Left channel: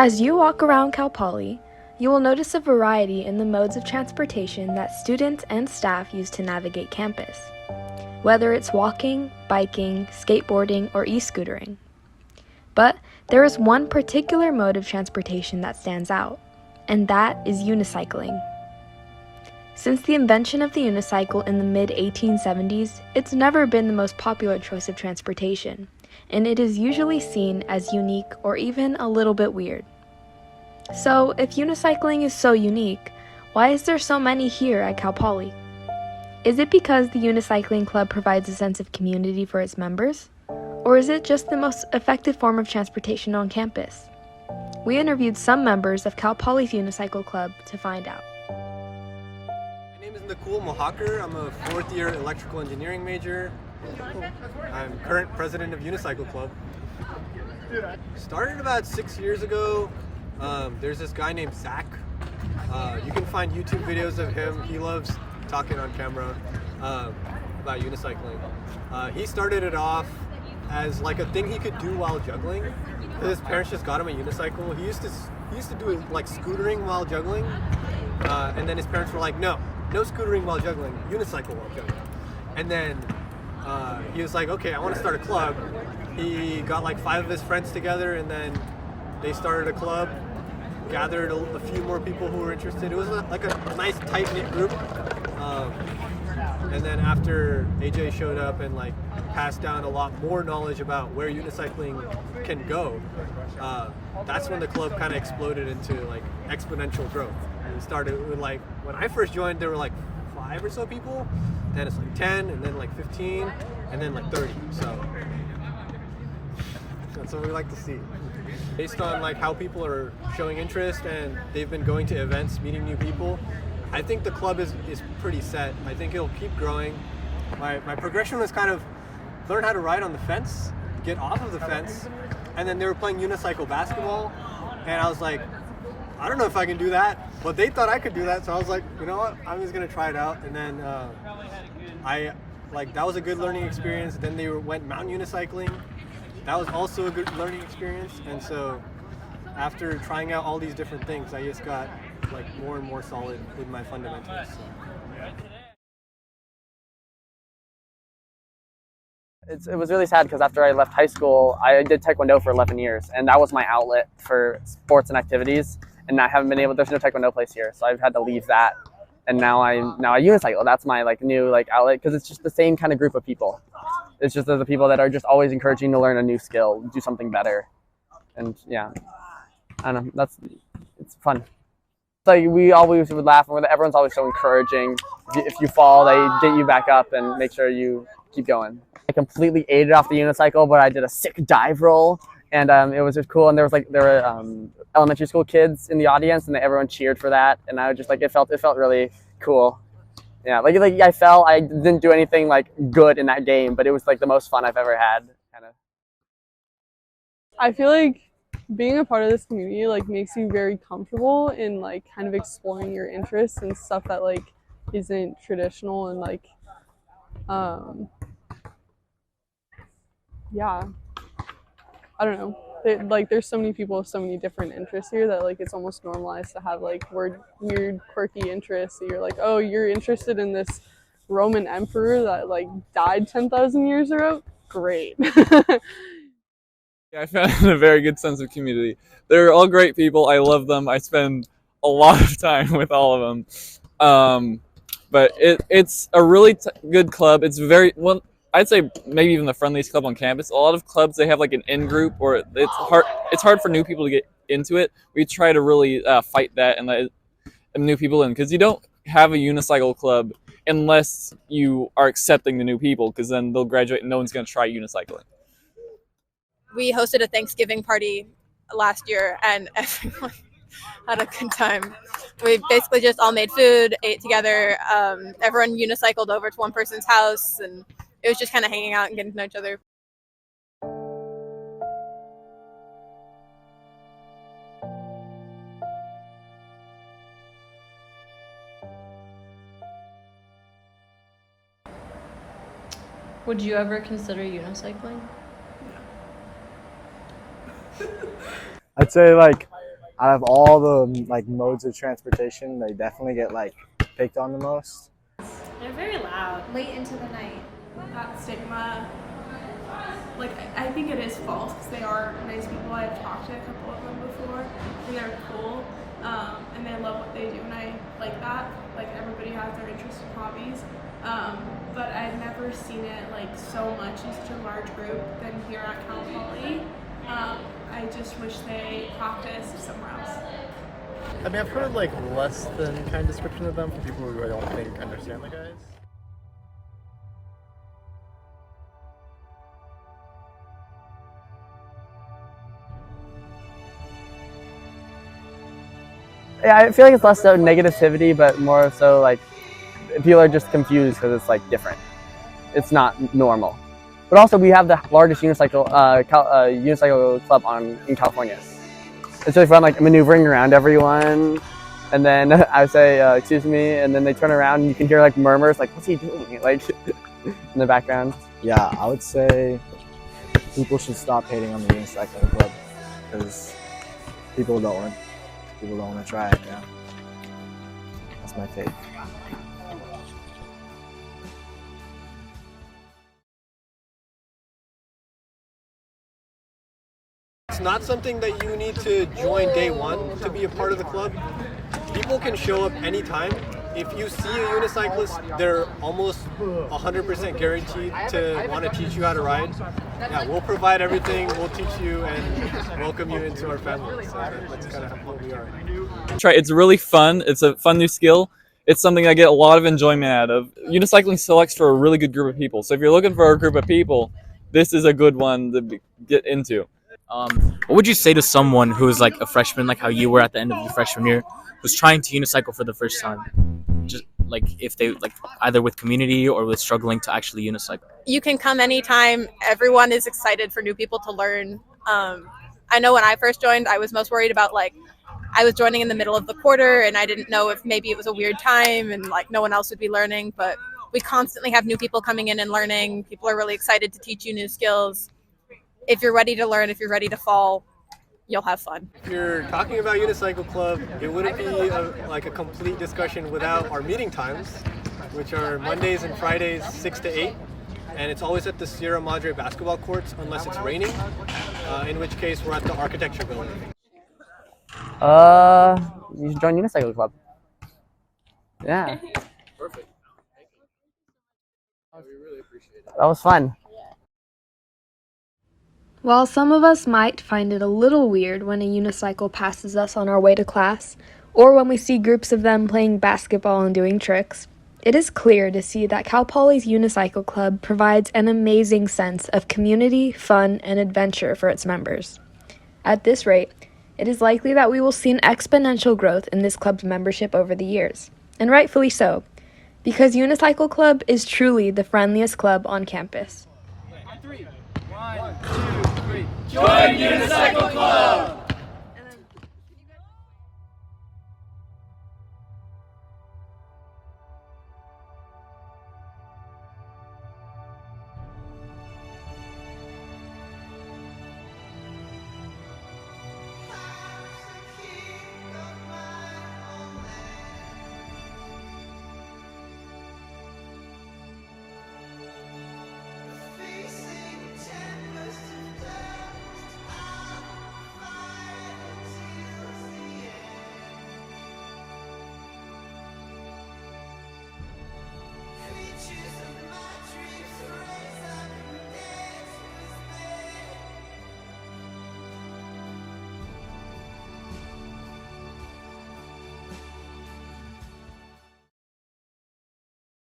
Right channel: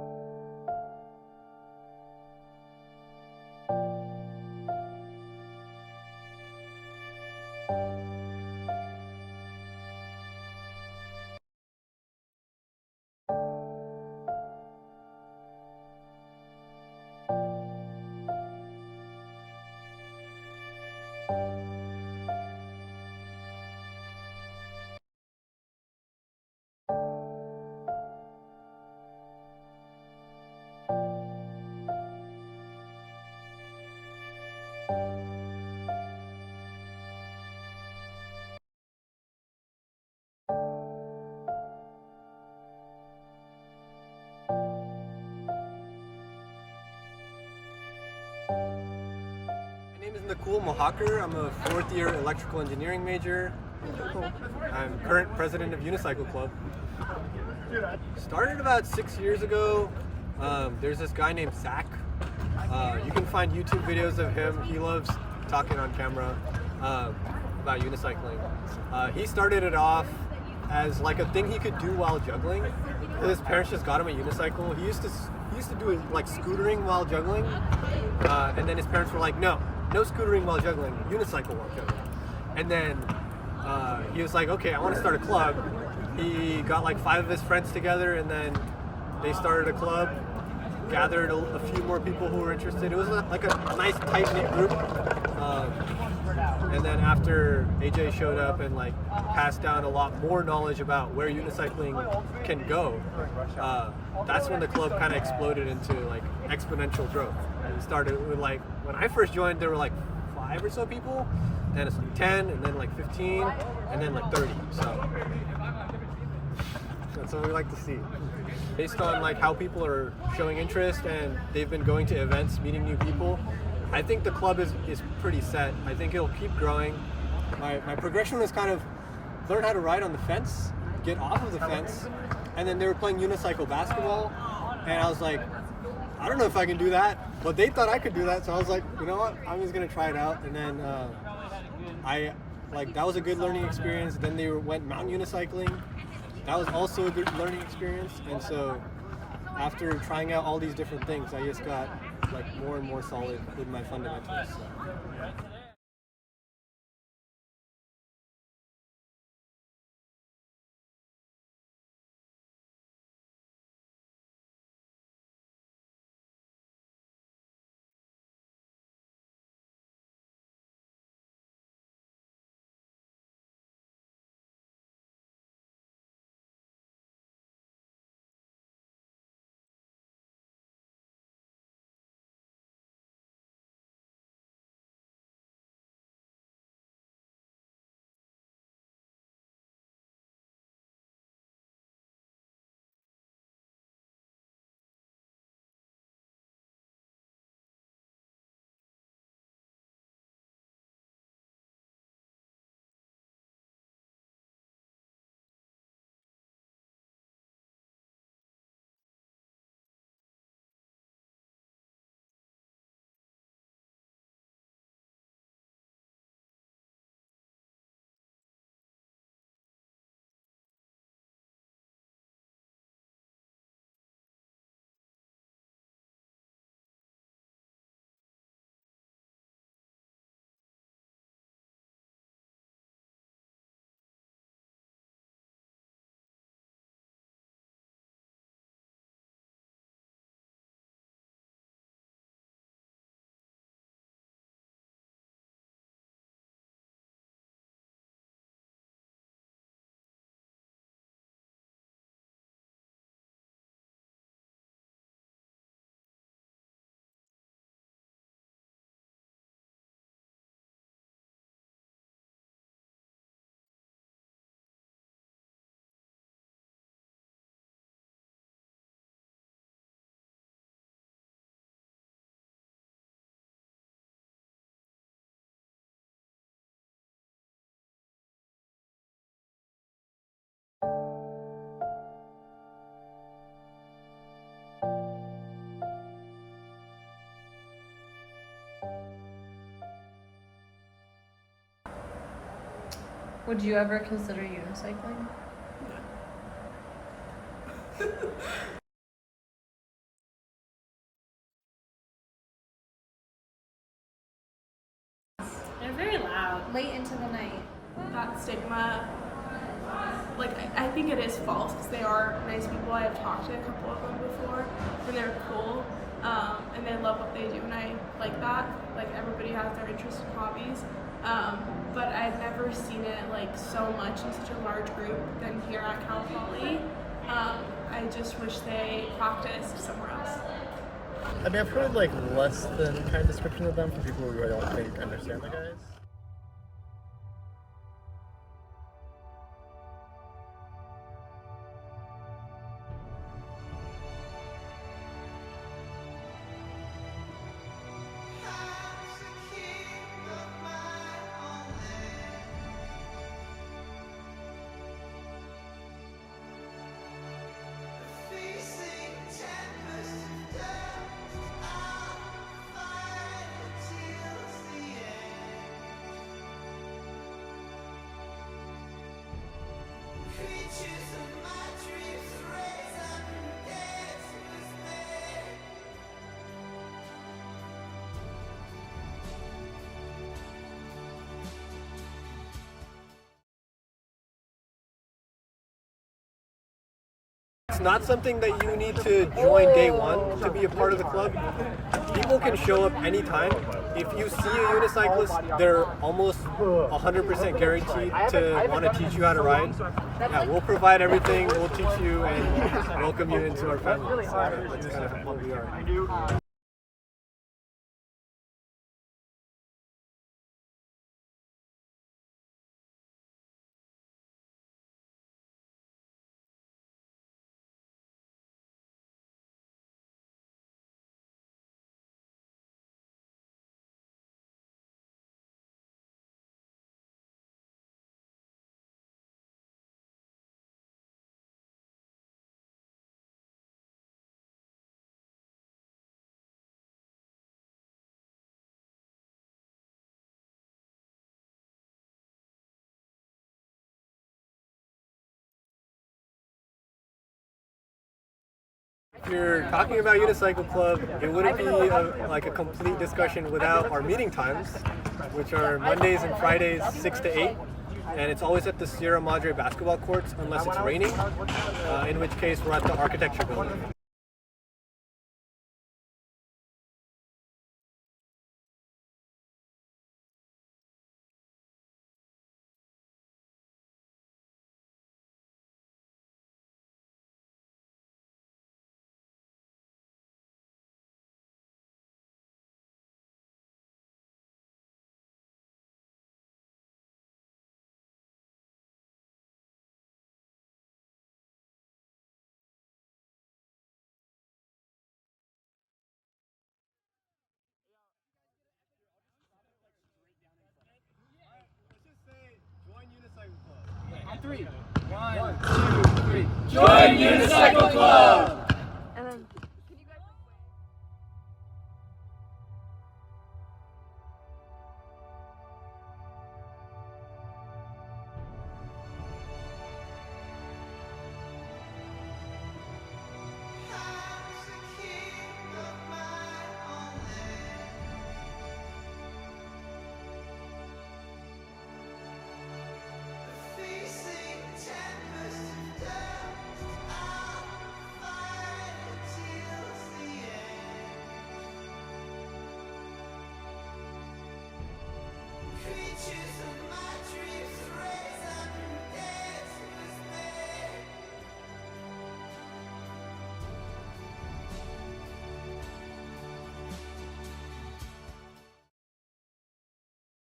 As you walk around Calpoly, you will notice a variety in the modes of transportation that students and staff use to navigate campus, whether it's walking, biking, skateboarding, or e-scootering. But there is one particular mode of transportation that stands out, and that is unicycling. Since the invention of the unicycle in the mid-1870s, it's never been the most popular choice of transportation, and it is usually seen as unique or even a little bit weird. So, if unicycling is so unique, why is there so many here at Cal Poly? Is it because the Unicycling Club provides a sense of community for its members? Or is it just the most effective form of transportation on campus? We interviewed some members of Cal Poly's Unicycle Club to find out. My name is Nakul Mohakar. I'm a fourth year electrical engineering major. I'm current president of Unicycle Club. Started about 6 years ago. There's this guy named Zach. You can find YouTube videos of him. He loves talking on camera about unicycling. He started it off as like a thing he could do while juggling. His parents just got him a unicycle. He used to do it like scootering while juggling, and then his parents were like, no scootering while juggling, unicycle while juggling. And then he was like, okay, I want to start a club. He got like 5 of his friends together, and then they started a club, gathered a few more people who were interested. It was like a nice tight-knit group. And then after AJ showed up and like passed down a lot more knowledge about where unicycling can go, that's when the club kind of exploded into like exponential growth. And we started with like, when I first joined, there were like 5 or so people, then it's like 10, and then like 15, and then like 30. So that's what we like to see. Based on like how people are showing interest and they've been going to events, meeting new people, I think the club is pretty set. I think it'll keep growing. My progression was kind of learn how to ride on the fence, get off of the fence, and then they were playing unicycle basketball, and I was like, I don't know if I can do that, but they thought I could do that, so I was like, you know what, I'm just gonna try it out. And then that was a good learning experience. Then they went mountain unicycling. That was also a good learning experience. And so after trying out all these different things, I just got like more and more solid with my fundamentals. So. It was really sad because after I left high school, I did Taekwondo for 11 years, and that was my outlet for sports and activities. And I haven't been able. There's no Taekwondo place here, so I've had to leave that. And now I unicycle. That's my like new like outlet, because it's just the same kind of group of people. It's just the people that are just always encouraging to learn a new skill, do something better, and yeah, I don't know. It's fun. Like we always would laugh, and everyone's always so encouraging. If you fall, they get you back up and make sure you keep going. I completely ate it off the unicycle, but I did a sick dive roll, and it was just cool. And there were elementary school kids in the audience, and everyone cheered for that. And I was just like, it felt really cool. Yeah, like I fell. I didn't do anything like good in that game, but it was like the most fun I've ever had. Kind of. I feel like being a part of this community like makes you very comfortable in like kind of exploring your interests and stuff that like isn't traditional, and like yeah, I don't know. There's so many people with so many different interests here that like it's almost normalized to have like weird quirky interests. So you're like, oh, you're interested in this Roman emperor that like died 10,000 years ago? Great. I found a very good sense of community. They're all great people. I love them. I spend a lot of time with all of them. But it's a really good club. It's very well. I'd say maybe even the friendliest club on campus. A lot of clubs, they have like an in-group, or it's hard for new people to get into it. We try to really fight that and let new people in, because you don't have a unicycle club unless you are accepting the new people, because then they'll graduate and no one's going to try unicycling. We hosted a Thanksgiving party last year, and everyone had a good time. We basically just all made food, ate together. Everyone unicycled over to one person's house, and it was just kind of hanging out and getting to know each other. Would you ever consider unicycling? I'd say like out of all the like modes of transportation, they definitely get like picked on the most. They're very loud. Late into the night. That stigma, like I think it is false because they are nice people. I've talked to a couple of them before, and they're cool, and they love what they do, and I like that. Like everybody has their interests and hobbies, but I've never seen it like so much in such a large group than here at Calpoly. I just wish they practiced somewhere else. I mean, I've heard like less than kind description of them from people who I don't think understand the guys. Yeah, I feel like it's less so negativity, but more so like people are just confused because it's like different. It's not normal. But also, we have the largest unicycle club in California. It's really fun, like maneuvering around everyone, and then I would say, "Excuse me," and then they turn around and you can hear like murmurs, like "What's he doing?" like in the background. Yeah, I would say people should stop hating on the Unicycle Club because people don't want to try it now. That's my take. It's not something that you need to join day one to be a part of the club. People can show up anytime. If you see a unicyclist, they're almost 100% guaranteed to want to teach you how to ride. Yeah, we'll provide everything, we'll teach you and welcome you into our family. So that's kind of what we are. Try. It's really fun. It's a fun new skill. It's something I get a lot of enjoyment out of. Unicycling selects for a really good group of people. So if you're looking for a group of people, this is a good one to get into. What would you say to someone who is like a freshman, like how you were at the end of your freshman year, who's trying to unicycle for the first time? Just like if they like either with community or with struggling to actually unicycle. You can come anytime. Everyone is excited for new people to learn. I know when I first joined, I was most worried about like I was joining in the middle of the quarter and I didn't know if maybe it was a weird time and like no one else would be learning, but we constantly have new people coming in and learning. People are really excited to teach you new skills. If you're ready to learn, if you're ready to fall, you'll have fun. If you're talking about Unicycle Club, it wouldn't be like a complete discussion without our meeting times, which are Mondays and Fridays, 6 to 8. And it's always at the Sierra Madre basketball courts unless it's raining, in which case we're at the architecture building. You should join Unicycle Club. Yeah. Perfect. We really appreciate it. That was fun. While some of us might find it a little weird when a unicycle passes us on our way to class, or when we see groups of them playing basketball and doing tricks, it is clear to see that Cal Poly's Unicycle Club provides an amazing sense of community, fun, and adventure for its members. At this rate, it is likely that we will see an exponential growth in this club's membership over the years, and rightfully so, because Unicycle Club is truly the friendliest club on campus. 3, 1, 2, 3. Join Unicycle Club! Creatures of my dreams.